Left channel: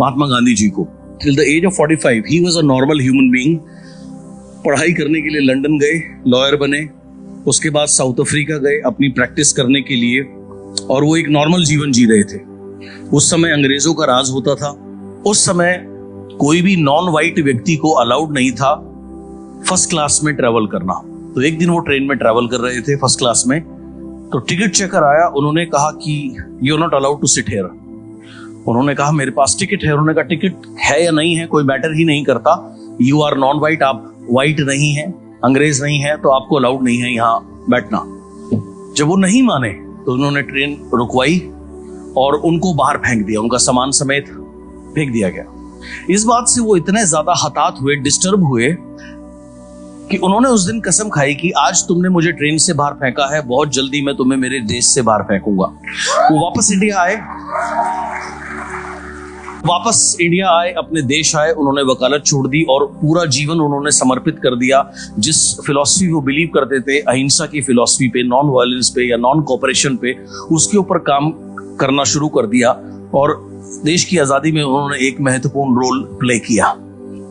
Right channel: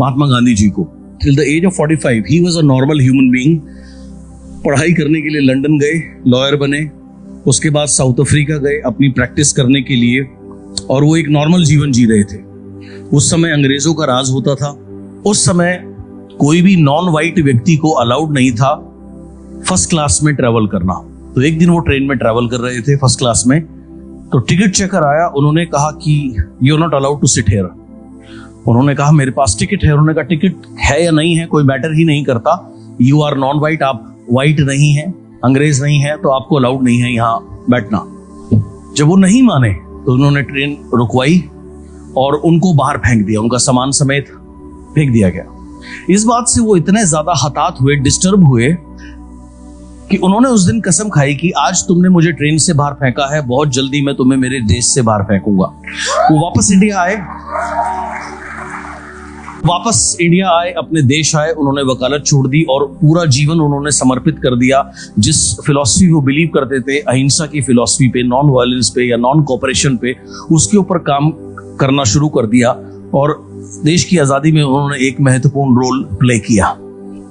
महात्मा गांधी जी को। Till the age of 45 he was a normal human being. पढ़ाई करने के लिए लंदन गए, लॉयर बने, उसके बाद साउथ अफ्रीका गए अपनी प्रैक्टिस करने के लिए, और वो एक नॉर्मल जीवन जी रहे थे। उस समय अंग्रेजों का राज होता था। उस समय कोई भी नॉन वाइट व्यक्ति को अलाउड नहीं था फर्स्ट क्लास में ट्रेवल करना। तो एक दिन वो ट्रेन में ट्रेवल कर रहे थे फर्स्ट क्लास में, तो टिकट चेकर आया, उन्होंने कहा कि you are not allowed to sit here. उन्होंने कहा मेरे पास टिकट है। उन्होंने कहा टिकट है या नहीं है कोई मैटर ही नहीं करता, यू आर नॉन वाइट, आप वाइट नहीं है, अंग्रेज नहीं है, तो आपको अलाउड नहीं है यहाँ बैठना। जब वो नहीं माने तो उन्होंने ट्रेन रुकवाई और उनको बाहर फेंक दिया, उनका सामान समेत फेंक दिया गया। इस बात से वो इतने ज्यादा हताहत हुए, डिस्टर्ब हुए कि उन्होंने उस दिन कसम खाई कि आज तुमने मुझे ट्रेन से बाहर फेंका है, बहुत जल्दी मैं तुम्हें मेरे देश से बाहर फेंकूंगा। वो वापस इंडिया आए, अपने देश आए, उन्होंने वकालत छोड़ दी और पूरा जीवन उन्होंने समर्पित कर दिया जिस फिलॉसफी वो बिलीव करते थे, अहिंसा की फिलॉसफी पे, नॉन वायलेंस पे या नॉन कोऑपरेशन पे, उसके ऊपर काम करना शुरू कर दिया। और देश की आजादी में उन्होंने एक महत्वपूर्ण रोल प्ले किया,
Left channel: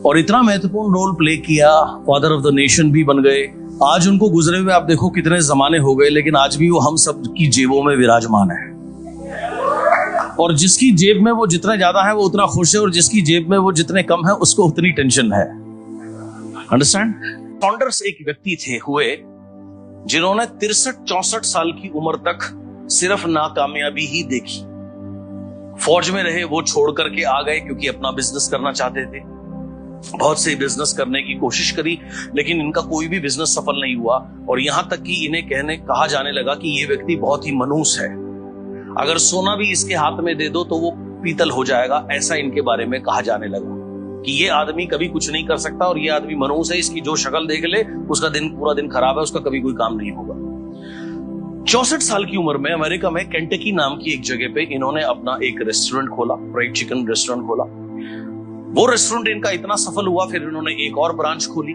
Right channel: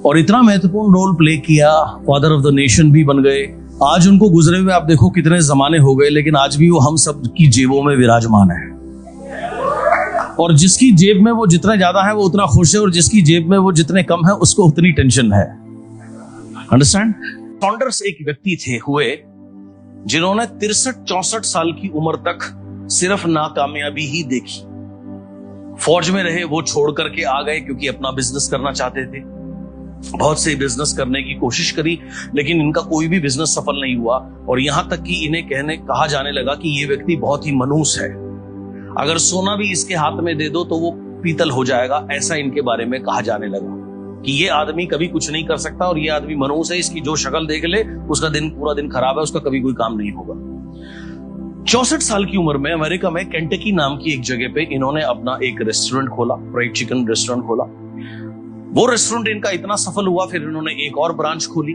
और इतना महत्वपूर्ण रोल प्ले किया, फादर ऑफ द नेशन भी बन गए। आज उनको गुजरे हुए आप देखो कितने जमाने हो गए, लेकिन आज भी वो हम सब की जेबों में विराजमान है। और जिसकी जेब में वो जितना ज्यादा है वो उतना खुश है, और जिसकी जेब में वो जितने कम है उसको उतनी टेंशन है। अंडरस्टैंड? सॉन्डर्स एक व्यक्ति थे हुए जिन्होंने 63-64 साल की उम्र तक सिर्फ नाकामयाबी ही देखी। फौज में रहे, वो छोड़ करके आ गए क्योंकि अपना बिजनेस करना चाहते थे। बहुत से बिजनेस करने की कोशिश करी, लेकिन इनका कोई भी बिजनेस सफल नहीं हुआ, और यहां तक कि इन्हें कहा जाने लगा कि ये व्यक्ति बहुत ही मनहूस है, अगर सोना भी इसके हाथ में दे दो तो वो पीतल हो जाएगा। ऐसा इनके बारे में कहा जाने लगा कि ये आदमी कभी कुछ नहीं कर सकता, और ये आदमी मनहूस है, इसकी जो शक्ल देख ले उसका पूरा दिन खराब है, उसका कभी कोई काम नहीं होगा। 64 साल की उम्र में अमेरिका में केंटकी नाम की एक जगह पे इन्होंने अपना एक रेस्टोरेंट खोला, फ्राइड चिकन रेस्टोरेंट खोला। वो रेस्टोरेंट इनका इतना सफल हुआ, फिर इन्होंने एक और ब्रांच खोली,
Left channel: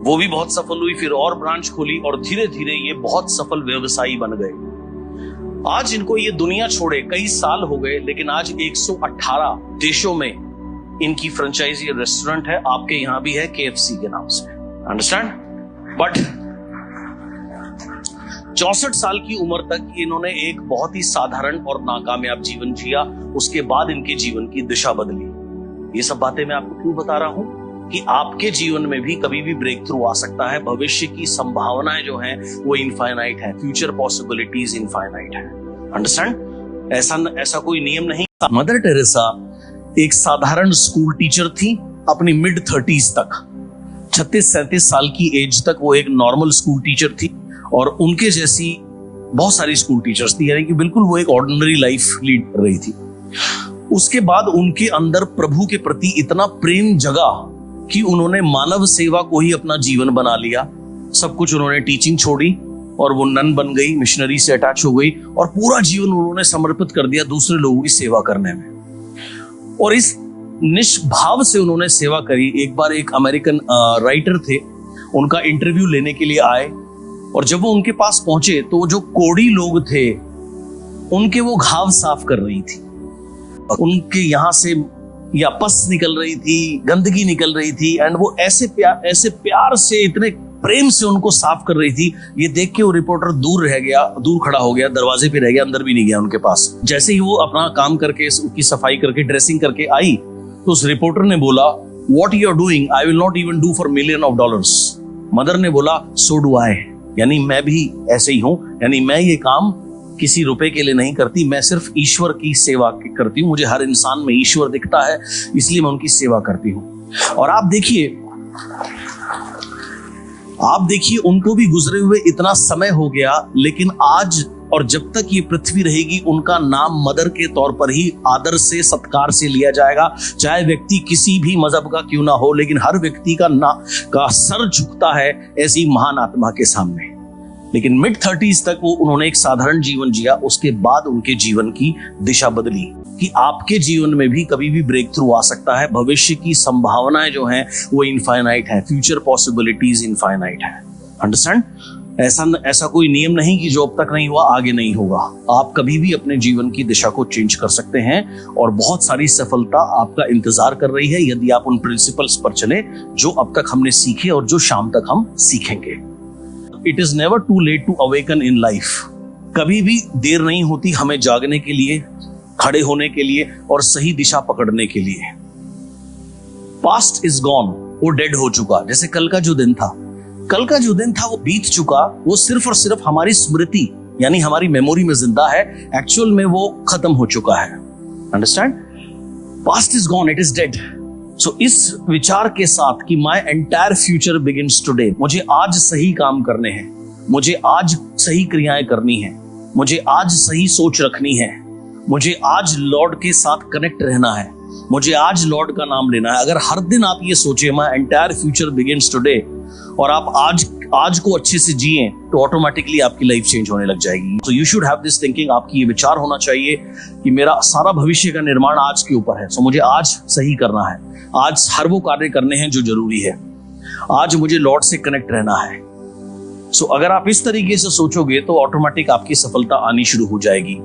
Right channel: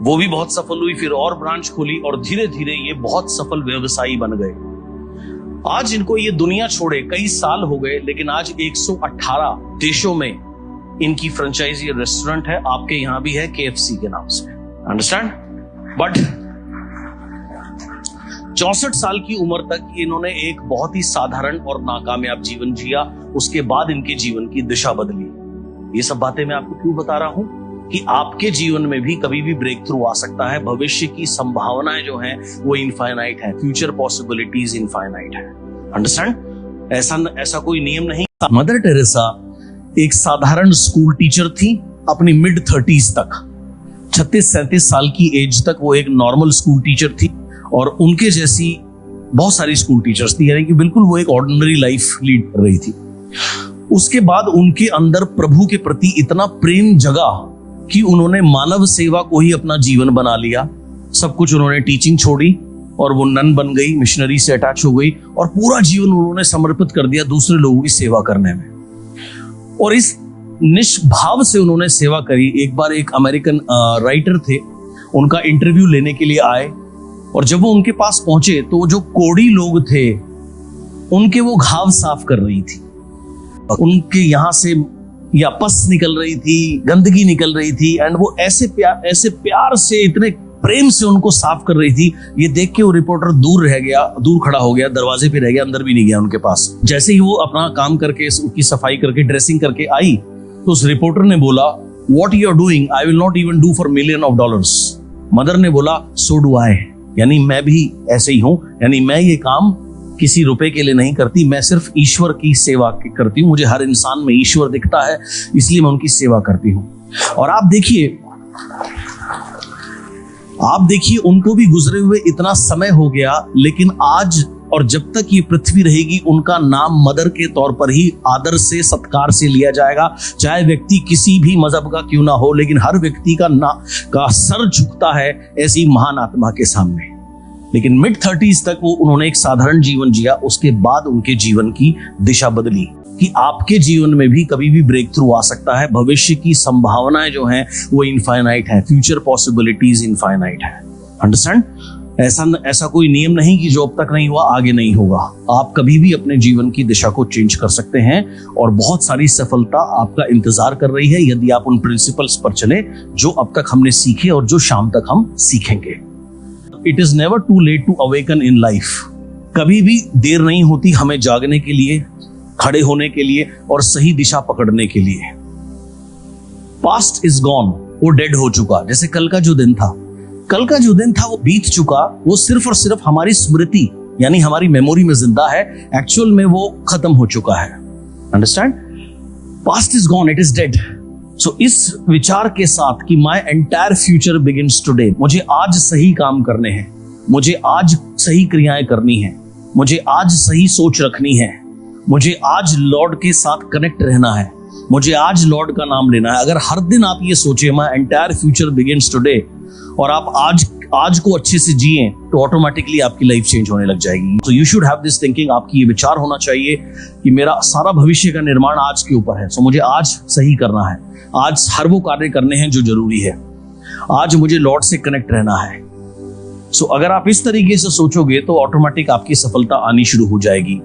वो भी बहुत सफल हुई, फिर और ब्रांच खोली, और धीरे धीरे ये बहुत सफल व्यवसायी बन गए। आज इनको ये दुनिया छोड़े कई साल हो गए, लेकिन आज 118 देशों में इनकी फ्रेंचाइजी रेस्टोरेंट है। आपके यहां भी है KFC के नाम से। अंडरस्टैंड? बट 64 साल की उम्र तक इन्होंने एक बहुत ही साधारण और नाकामयाब जीवन जिया। उसके बाद इनके जीवन की दिशा बदली। ये सब बातें मैं आपको क्यों बता रहा हूं? कि आपके जीवन में भी कभी भी ब्रेक थ्रू आ सकता है। भविष्य की संभावनाएं जो हैं वो इनफाइनाइट है, फ्यूचर पॉसिबिलिटीज इनफाइनाइट है। अंडरस्टैंड? ऐसा कोई नियम नहीं। मदर टेरेसा एक साधारण स्कूल टीचर थी अपनी मिड 30s तक। 36-37 साल की एज तक वो एक नॉर्मल स्कूल टीचर थी, और उनके जैसी बहुत सारी स्कूल टीचर्स थी, यानी कि बिल्कुल वो एक ऑर्डिनरी लाइफ लीड कर रही थी। उसके बाद उनके अंदर प्रभु के प्रति इतना प्रेम जगा कि उन्होंने मानव सेवा को ही अपना जीवन बना लिया। सब कुछ उन्होंने टीचिंग छोड़ी और वो नन बन गई, मिशनरी से अटैच हो गई, और पूरा जीवन उन्होंने समर्पित कर दिया दूसरे लोगों की सेवा करने में। और इस निष्भाव से उन्होंने सेवा करी। एक बार एक अमेरिकन राइटर थे, उनका इंटरव्यू लेने के लिए आए, और जब वो उनके पास पहुंचे तो जो कोढ़ी लोग थे उनके वो घाव साफ कर रही थी। उनके यहां से या पस निकल रही थी, गंदगी निकल रही थी, एंड वो ऐसे प्यार से, इतने प्रेम से उनको साफ कर रही थी। ये देख के वो रिपोर्टर दूर खड़ा हो गया, दरवाजे पे रह गया, अंदर भी नहीं गया उनके पास। जैसे ही वो अपना काम करके, उसकी सफाई करके, ड्रेसिंग करके आई, तो उस रिपोर्टर ने बोला, what you are doing I will not even do for $1,000,000। Mother ने बोला, सो डू आई, यानी मैं भी ऐसे ही हूं, यानी मैं ये काम किसी रुपए के लिए नहीं करती, मैं सिर्फ ईश्वर की सेवा करती हूँ। मुझे हर इंसान में ईश्वर दिखता है, इसलिए मैं उनकी सेवा करती हूँ। और आप देखिए उनको भी गुजरे हुए इतना समय हो गया, लेकिन आज और जब तक ये पृथ्वी रहेगी उनका नाम मदर के तौर पर ही आदर से, सत्कार से लिया जाएगा। चाहे व्यक्ति किसी भी मजहब का क्यों ना हो, लेकिन हर व्यक्ति का सर झुकता है ऐसी महान आत्मा के सामने। लेकिन मिड 30s तक उन्होंने एक साधारण जीवन जिया। उसके बाद उनके जीवन की दिशा बदली। कि आपके जीवन में भी कभी भी ब्रेक थ्रू आ सकता है। भविष्य की संभावनाएं जो हैं वो इनफाइनाइट है, फ्यूचर पॉसिबिलिटीज इनफाइनाइट है। अंडरस्टैंड? ऐसा कोई नियम नहीं कि जो अब तक नहीं हुआ आगे नहीं होगा। आप कभी भी अपने जीवन की दिशा को चेंज कर सकते हैं और बहुत सारी सफलता आपका इंतजार कर रही है यदि आप उन प्रिंसिपल्स पर चले जो अब तक हमने सीखे और जो शाम तक हम सीखेंगे। It is never too late to awaken in life. कभी भी देर नहीं होती हमें जागने के लिए, खड़े होने के लिए और सही दिशा पकड़ने के लिए। पास्ट इज गॉन, वो डेड हो चुका। जैसे कल का जो दिन था वो बीत चुका, वो सिर्फ और सिर्फ हमारी स्मृति यानी हमारी मेमोरी में जिंदा है, एक्चुअल में वो खत्म हो चुका है। Understand? Past is gone, it is dead. So इस विचार के साथ कि my entire future begins today, मुझे आज सही काम करने हैं, मुझे आज सही क्रियाएं करनी है, मुझे आज सही सोच रखनी है, मुझे आज लॉर्ड के साथ कनेक्ट रहना है, मुझे आज लॉर्ड का नाम लेना है। अगर हर दिन आप ये सोचे माई एंटायर फ्यूचर बिगिंस टुडे और आप आज को अच्छे से जिए तो ऑटोमेटिकली आपकी लाइफ चेंज होने लग जाएगी। तो you should have this thinking, आपकी ये विचार होना चाहिए कि मेरा सारा भविष्य का निर्माण आज के ऊपर है। सो मुझे आज सही करना है, आज हर वो कार्य करने हैं जो जरूरी है, आज मुझे लॉर्ड से कनेक्ट रहना है। सो अगर आप इस तरीके से सोचोगे तो ऑटोमेटिक आपकी सफलता आनी शुरू हो जाएगी।